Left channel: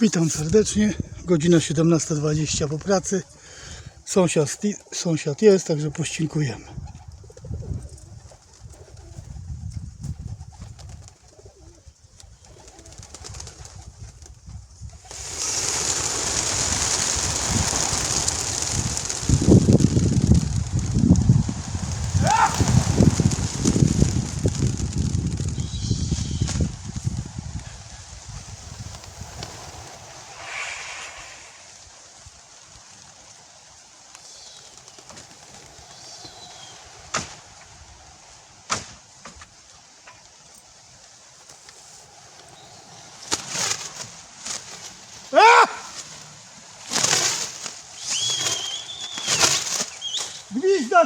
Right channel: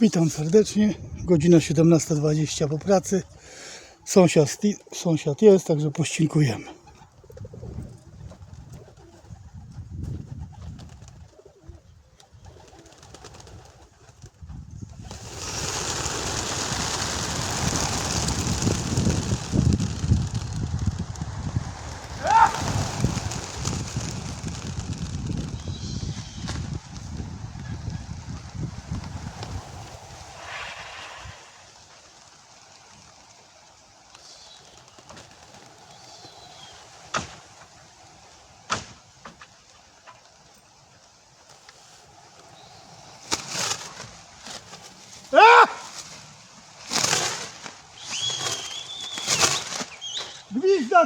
Witam serdecznie. Godzina 17.20 po pracy. Sąsiad, sąsiad jest, także pościnkujemy.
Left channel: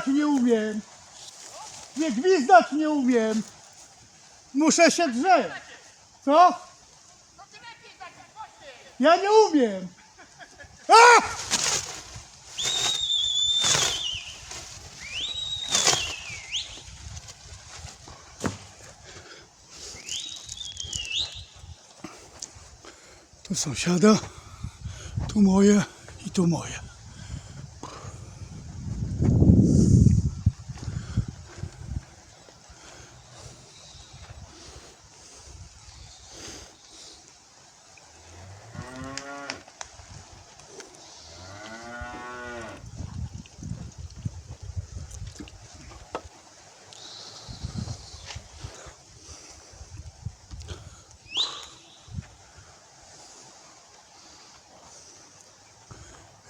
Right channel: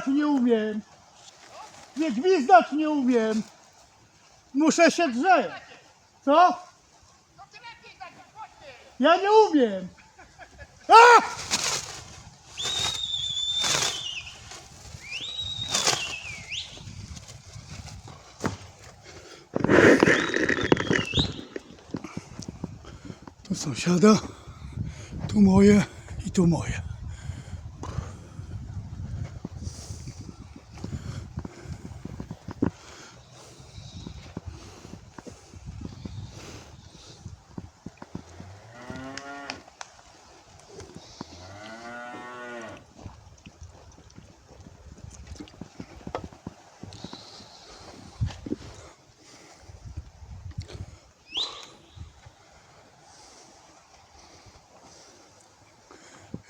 nie umiem. Nie no? gwizdać nie umiem. Muszę się drzeć. Co? No lepiej, tak się ja nie umiem. A! Tu sąsiada, tu moje i tu moje.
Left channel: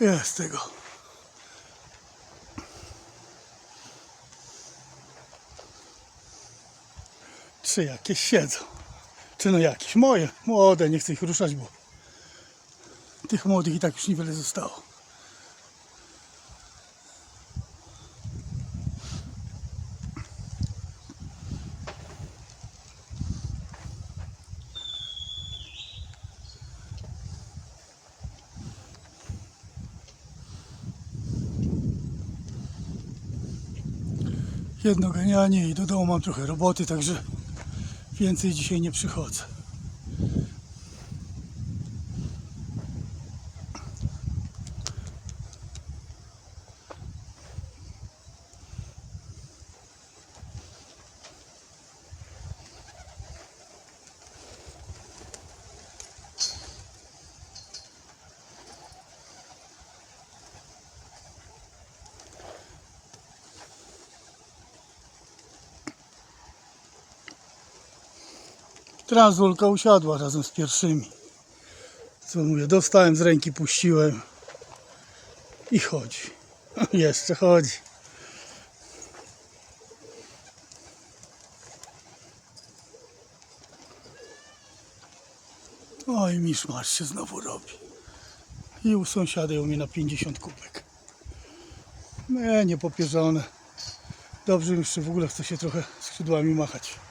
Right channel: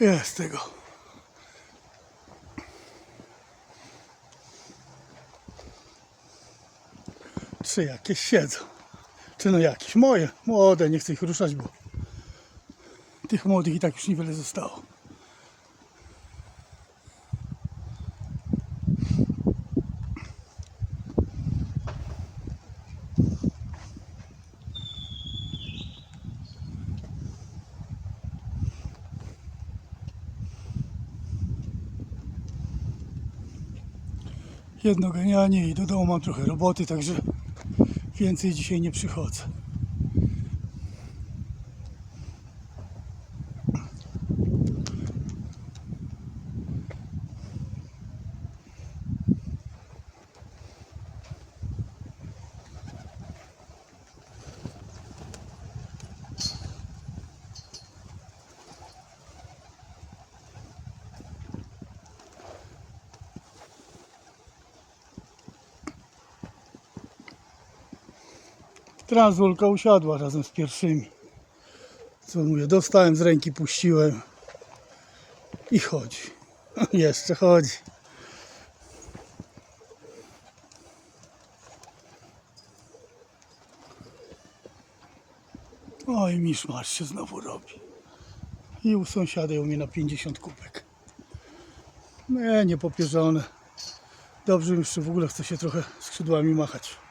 Ja z tego. Czy jakieś siedzą. Czy no jakieś? Moje, młode, nie chcę ich ruszać, bo tych młodych i tak już niewiele zostało. Jedno jednogenialnie i do domu mam trochę roboty, także więcej dzisiaj nie przychodzę. Transulka usiadła razem z pierwszymi. Co mówię, dostałem z ręki, puściłem i chodzi. Jeszcze chodzi. Oj, miszmasz się znowu robi. I u sąsiada ją mi na 50 kubek. Nie, nie popierzone. Dobrze, że jeszcze w ogóle chcę się trochę skrzydłami machać.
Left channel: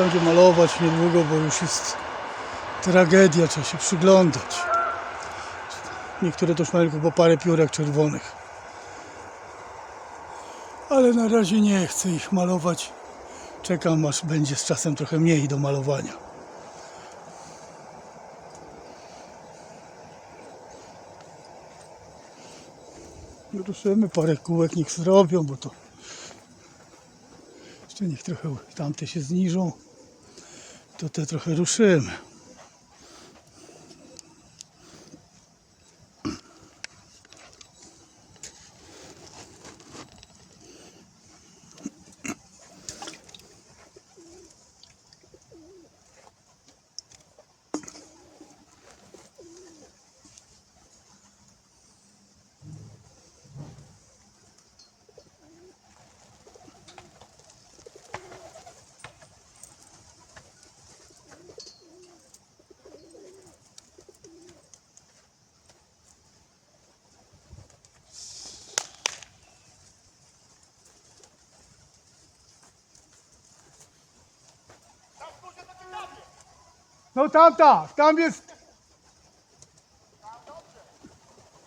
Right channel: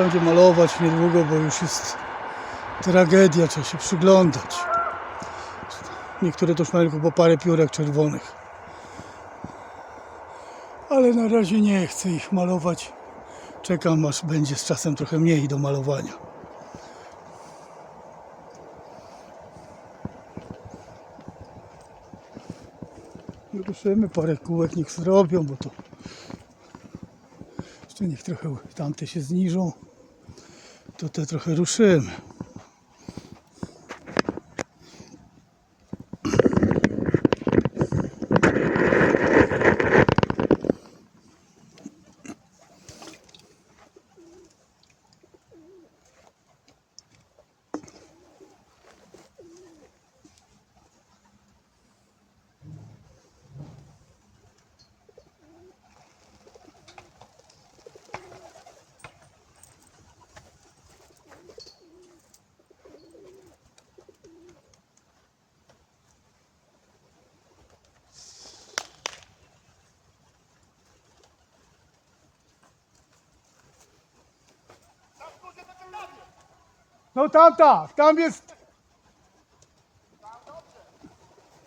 będę malować niedługo, bo już jest tragedia, trzeba się przyglądać. Niektóre to już mają tylko po parę piórek czerwonych. Ale na razie nie chcę ich malować. Czekam aż będzie z czasem trochę mniej do malowania. Ruszymy parę kółek, niech zrobią, bo to jeszcze niech trochę tamte się zniżą. тут я трохи рушим. No tamta, tam jest.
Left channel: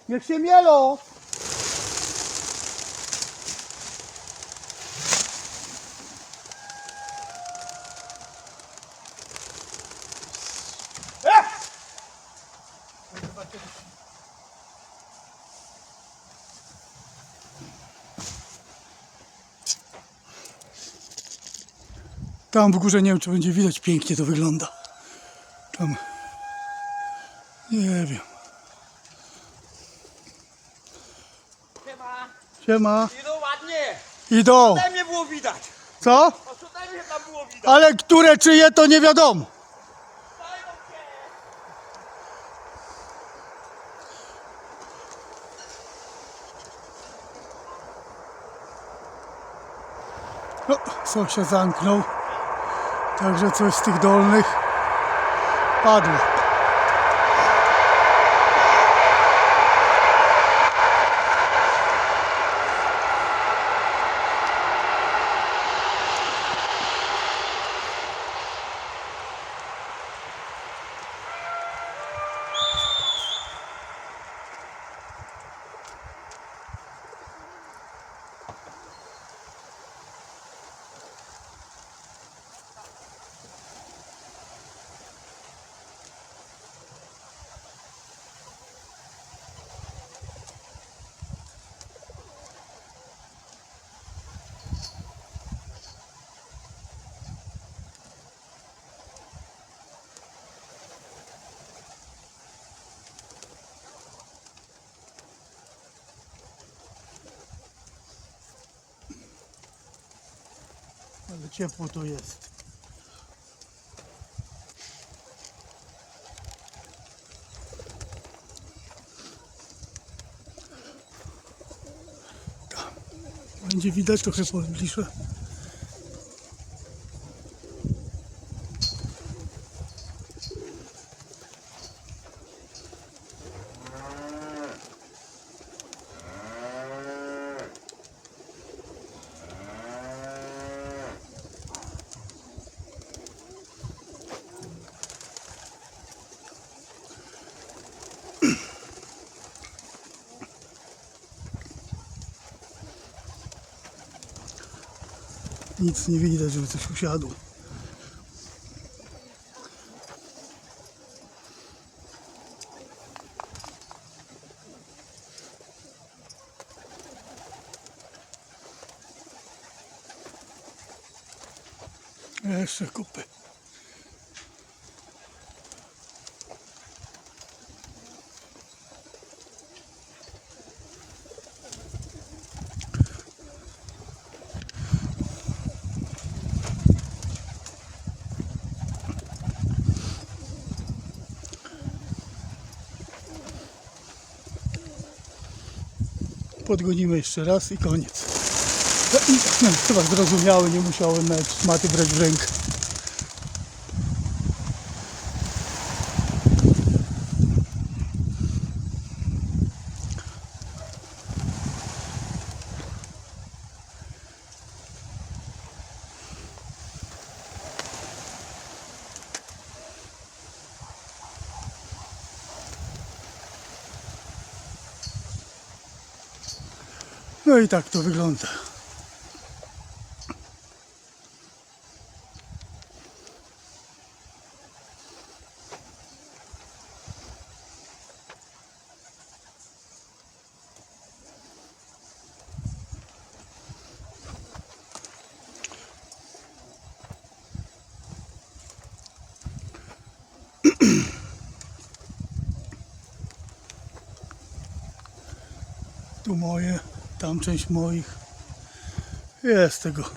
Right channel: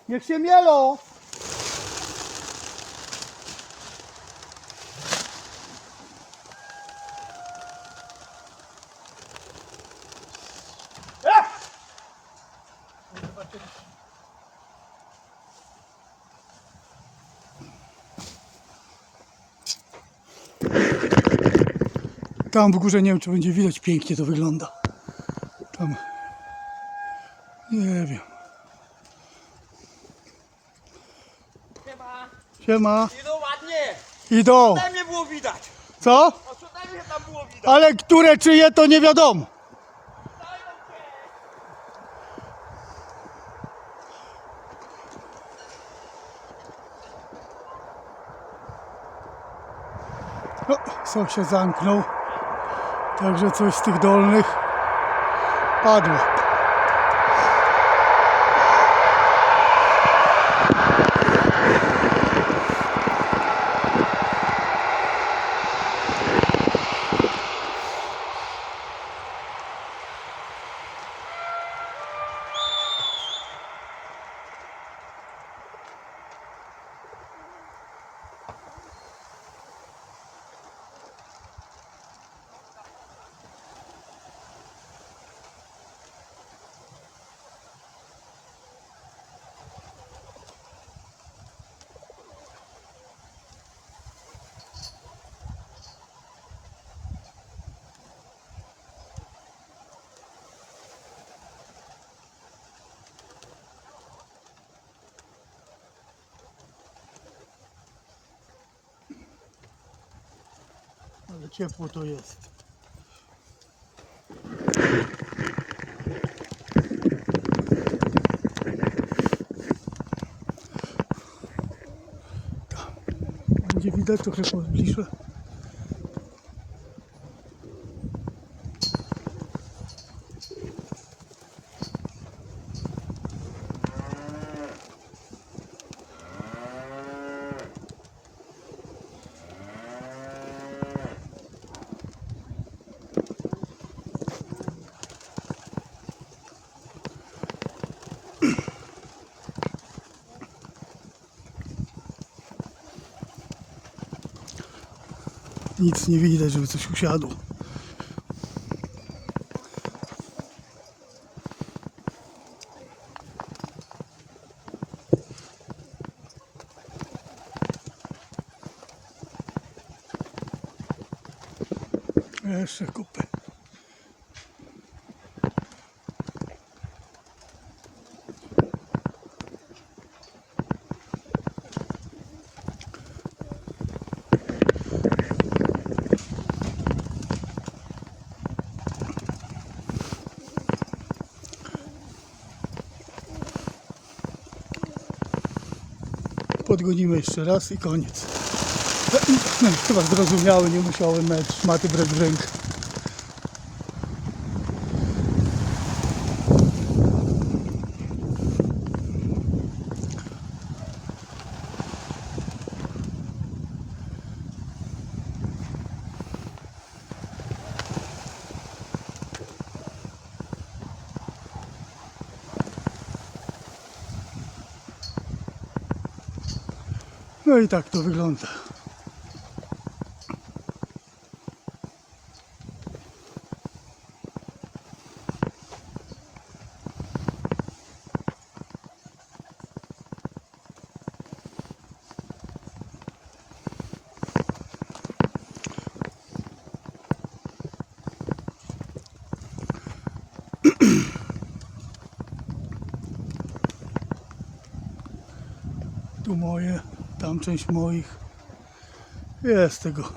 Niech się mielo. Tam w górze, nie wiem, czy będzie widać, pięknie to wygląda tam nie wiem. Siema. ma? Idą ładnie. Idą. Tutaj mnie było widać. Co? Co tam tam było widać. Ale które czyje to nie wiadomo. No, sąsiad zamknął. Także coś z tych dolnych. 八度。ciepło to jest. Tam. Będzie widać trochę bliższe. Yeah. nic nevidíte, že což už já jdu. Já se kope. odgonimy jeszcze raz i koniec. Chyba zrozumiały, nie musiałem mieć maty brać w rękę. No i tak to wygląda. tu moje tam część moich jest tego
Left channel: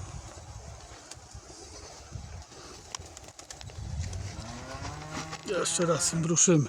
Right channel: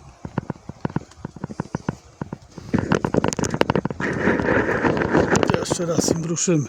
jeszcze raz im ruszymy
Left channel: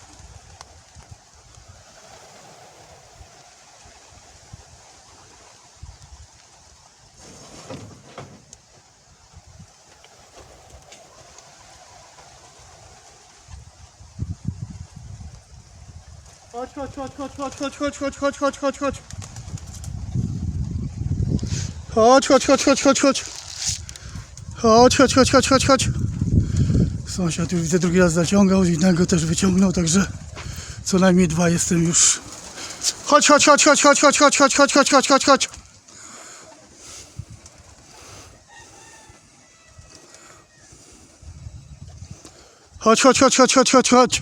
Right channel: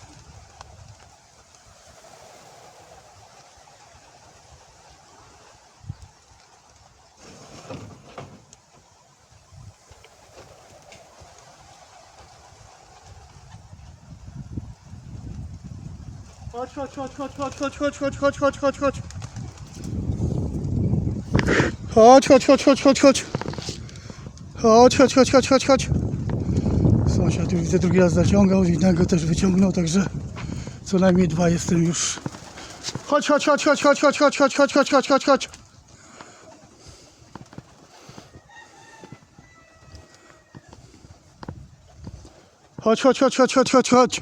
Chodź, chodź, chodź, chodź, chodź, chodź, chodź, chodź, chodź, chodź, chodź, chodź. Chodź, chodź, chodź, chodź, chodź, chodź. Chodź, chodź, chodź, chodź, chodź, chodź. Sąsiad już widzę drugi raz zaciągał, innego też wyciągnął, także co najmniej dwa jestem już. Chodź, chodź, chodź, chodź, chodź, chodź, chodź, chodź, chodź, chodź, chodź, chodź, chodź. Chodź, chodź, chodź, chodź, chodź, chodź, chodź.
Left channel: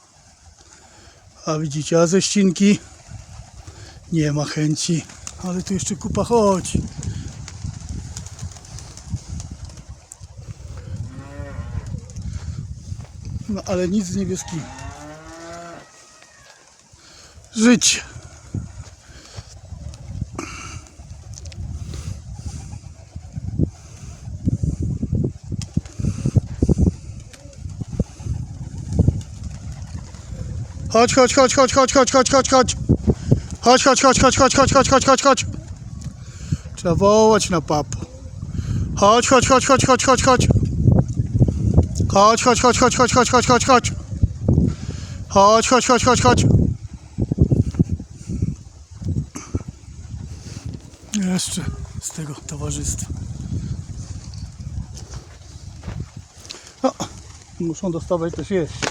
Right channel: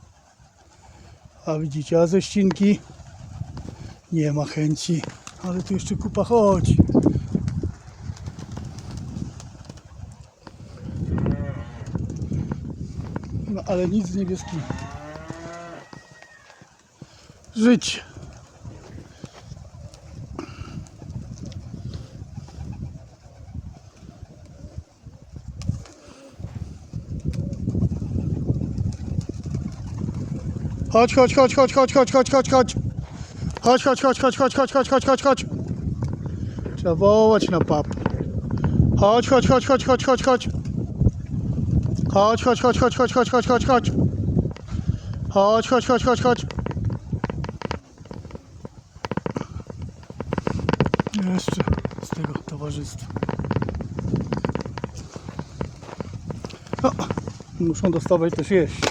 A widzicie, a ze ścinki nie ma chęci. Ale tu jeszcze kupa chodzi. No ale nic z niebieski. Żyć. Chodź, chodź, chodź, chodź, chodź, chodź, chodź, chodź, chodź. Chodź, chodź, chodź, chodź, chodź, chodź, chodź, chodź, chodź, chodź. Trzeba wołać na pap. Chodź, chodź, chodź, chodź, chodź, chodź, chodź. Chodź, chodź, chodź, chodź, chodź, chodź, chodź, chodź, chodź. Chodź, chodź, chodź, chodź, chodź. Jeszcze z tego towarzystwa. O, muszą dostawać też jeść.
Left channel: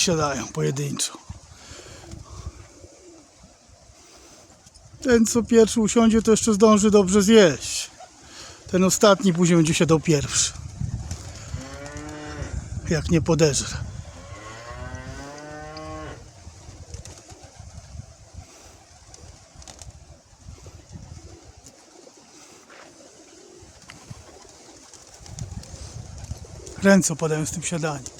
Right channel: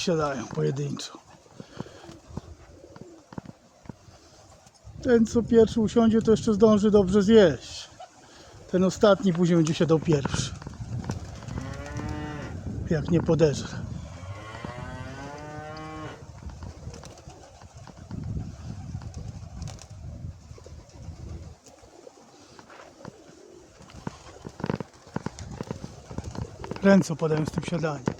siadają pojedynczo. Ten co pierwszy usiądzie, to jeszcze zdąży dobrze zjeść. Ten ostatni później będzie się do pierwszy. Jak nie podeżre. Ręce podają z tym siadaniem.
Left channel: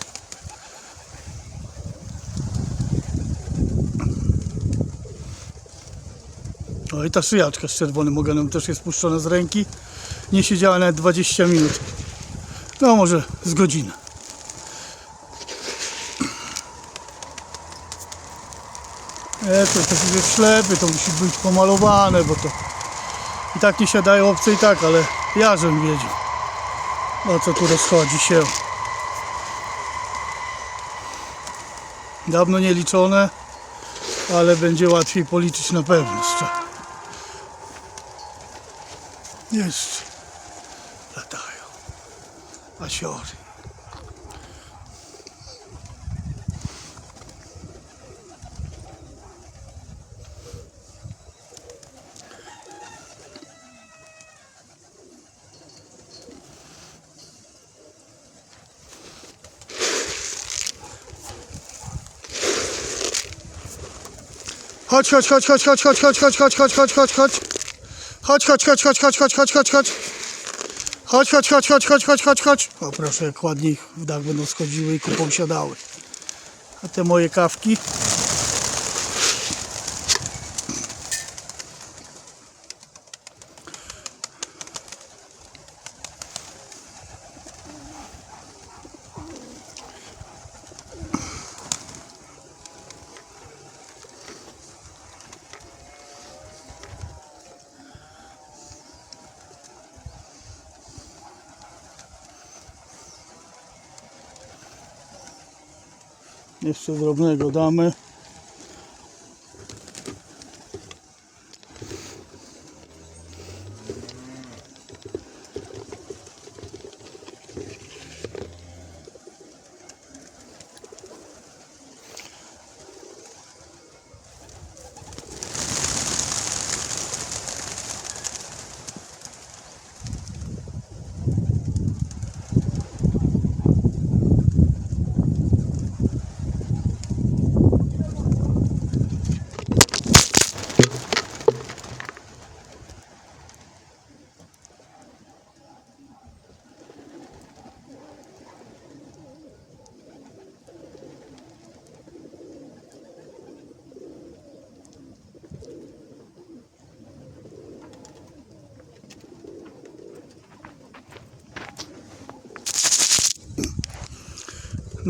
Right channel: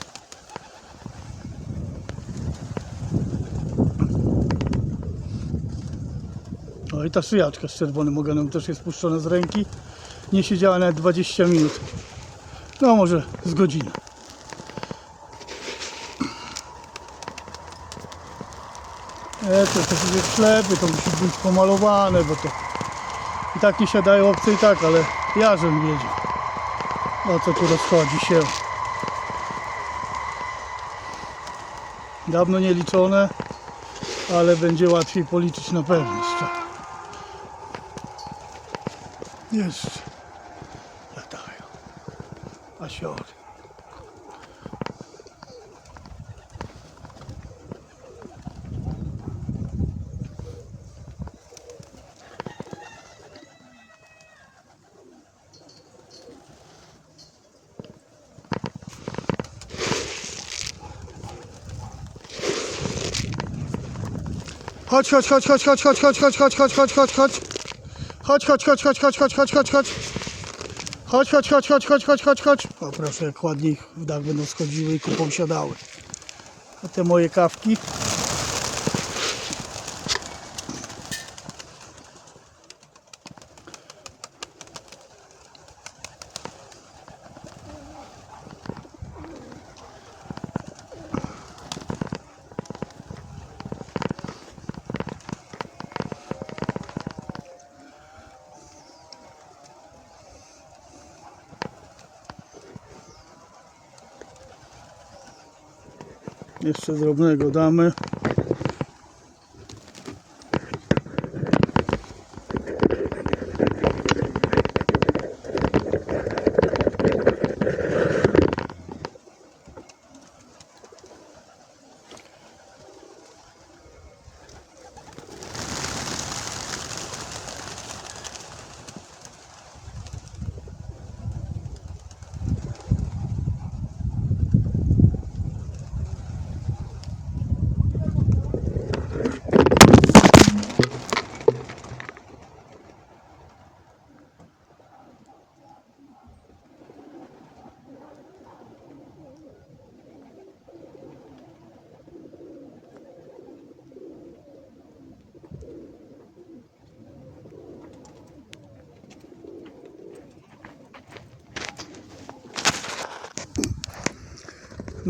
i ta szyjaczka z czerwonym ogonem też jest spuszczona z ręki. Nie siedziała nawet 20 minut. No może z godziny. E, to to jest ślepy, to musi być pomalowane, bo to i tak nie siadają obce i tak, ale ja żem wiedzie. O co tu rozchodzi się? Dawno nieliczone, ale będzie łatwiej policzyć na pewno. Jeszcze jest. Latają. A siory. Chodź, chodź, chodź, chodź, chodź, chodź, chodź, chodź, chodź, chodź, chodź, chodź, chodź, chodź. Chodź, chodź, chodź, chodź, chodź, chodź, chodź, chodź, chodź. Chodź, chodź, chodź, chodź, chodź, chodź, chodź, chodź. O proszę, jak ładnie w dach będą schodziły i kupą siadały. A te moje kawki. jeszcze drobnego damy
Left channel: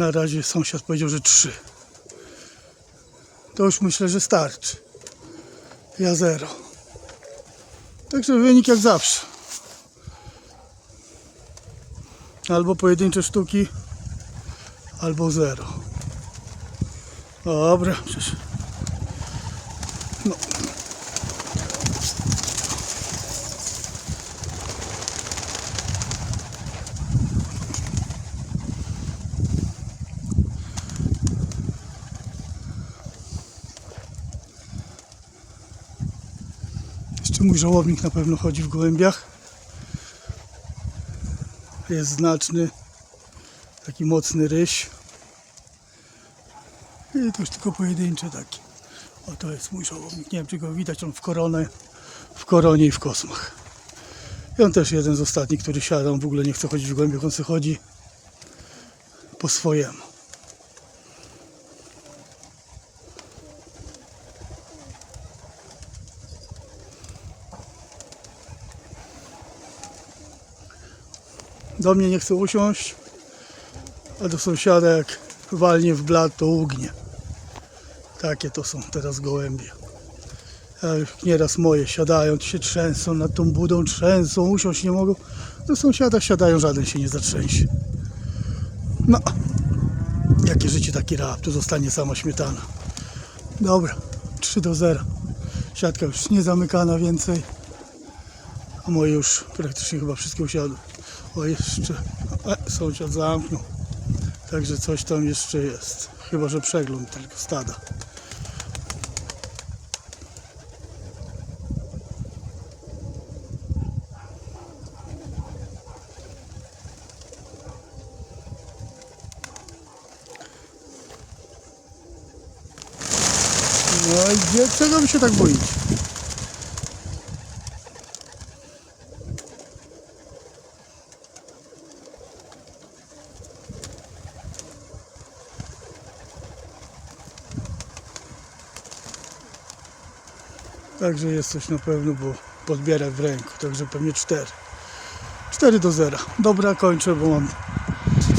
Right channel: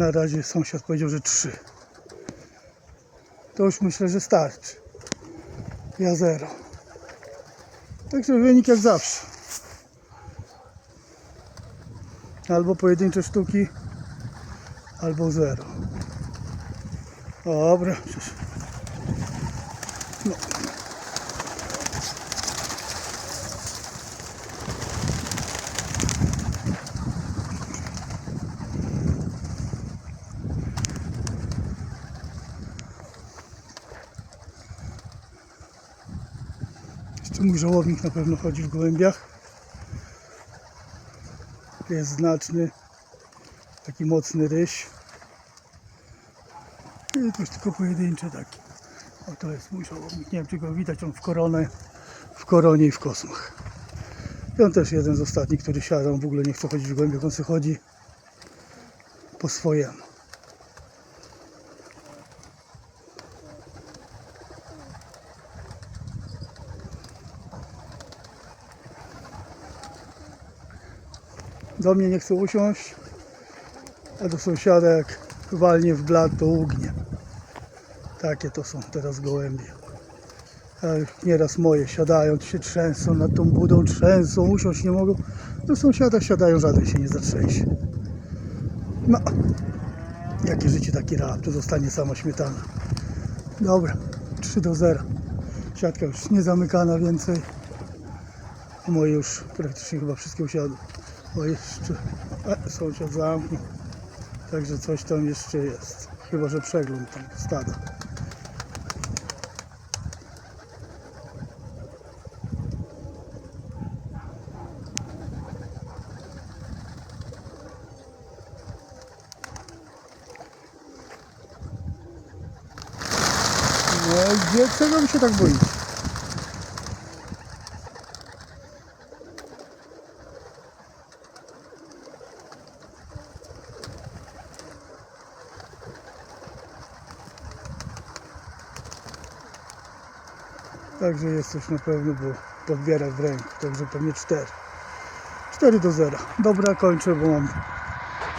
na razie sąsiad powiedział, że trzy. To już myślę, że starczy. Ja zero. Także wynik jak zawsze. Albo pojedyncze sztuki, albo zero. Dobra, przecież. mój żołownik na pewno chodzi w głębiach. Jest znaczny, taki mocny ryś. I to już tylko pojedyncze taki. Oto jest mój żołownik. Nie wiem, czy go widać. On w koronie, w koronie i w kosmach. I on też jeden z ostatnich, który siada. On w ogóle nie chce chodzić w głębiach. On sobie chodzi po swojemu. do mnie nie chce usiąść, a do sąsiada jak walnie w blad to ugnie. Takie to są teraz gołębie. A nieraz moje siadają, się trzęsą nad tą budą, trzęsą, usiąść nie mogą. Do sąsiada siadają, żaden się nie zatrzęsie. No, jakie życie taki rap, tu zostanie sama śmietana. Dobra, 3 do 0. Siatka już nie zamykana więcej. A moje już praktycznie chyba wszystkie usiadły bo jeszcze e, sąsiad zamknął. Także coś tam jeszcze jest. Chyba, że przegląd tylko stada. No i gdzie? Czego się tak boicie? także jest coś na pewno, bo podbiera w ręku, także pewnie 4. 4 do 0. Dobra, kończę, bo mam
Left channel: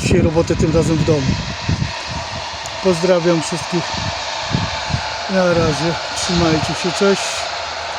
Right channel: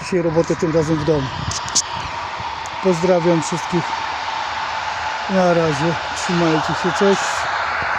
dzisiaj robotę tym razem w domu. Pozdrawiam wszystkich. Na razie, trzymajcie się, cześć.